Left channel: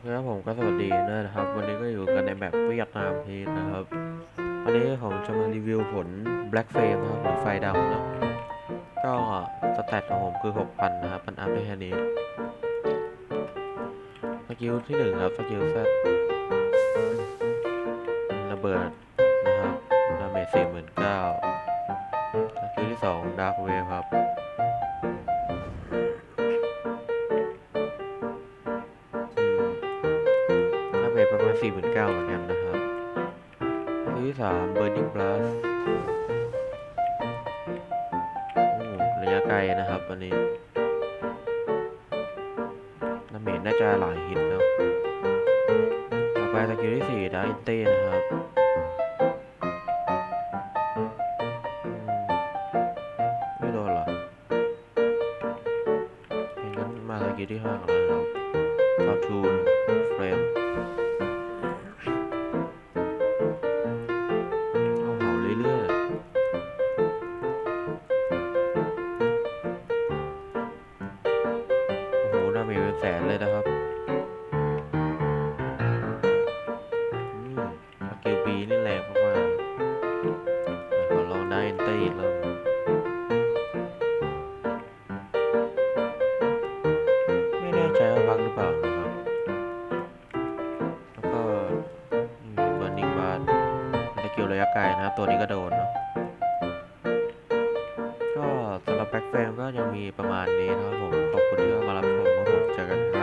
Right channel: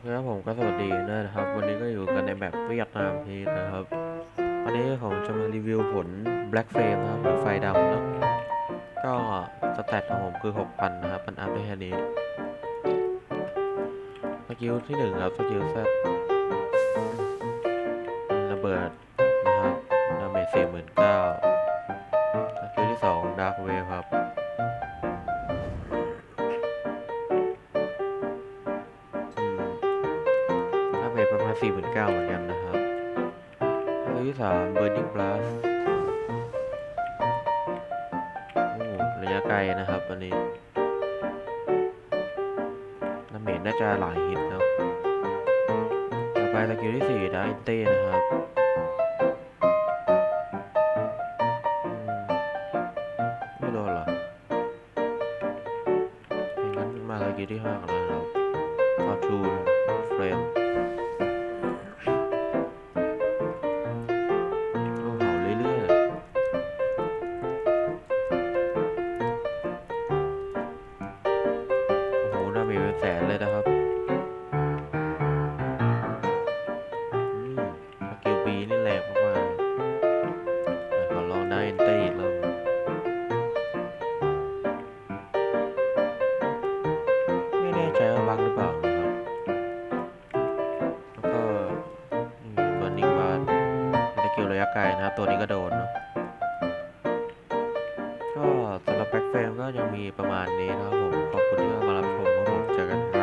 เคครับผมก็สวัสดีนะครับ วันนี้ก็อยู่กันในแบบเวียดนามพีนะครับ วันนี้ผมจะมารีวิวผล Black Flame นะครับ หรือไฟดำเนาะก็สแตทของผมคือ 6,000 นะครับ มันอัพได้แค่นี้ สกิลที่ 1 ครับ สกิลแซดระเบิดนะครับดาเมจ49สกิลที่ 2 Dark Wave ครับ หน้าเบสประมาณ 4 9 0 0 0เหมือนกันนะครับอันที่สาม Burning Blast โอ้ระยะไกลนะครับ อันนี้น้าเมจน่าจะหลายฮิตเนาะต่อไปสกิลที่สี่ดาอินเต้นะครับไม่โดนหรองั้นมาสกิลที่ห้ากันแล้วครับ Fortune Frame เอา เมจเป็นแสนเลยนะครับอืมสกิลบีนี่แรงมากๆขอลองได้เอนเตอร์อีกแล้วไม่แน่ใจว่าบังหรือเปล่านะครับ แล้วก็นี่ Burning Bar เป็นสกิลระยะไกลนะครับ ตัวนี้ก็โดนเนาะก็สำหรับแบ็คเฟรมก็ยังมีประมาณนี้นะครับผม ขอบคุณที่มารับชม ครั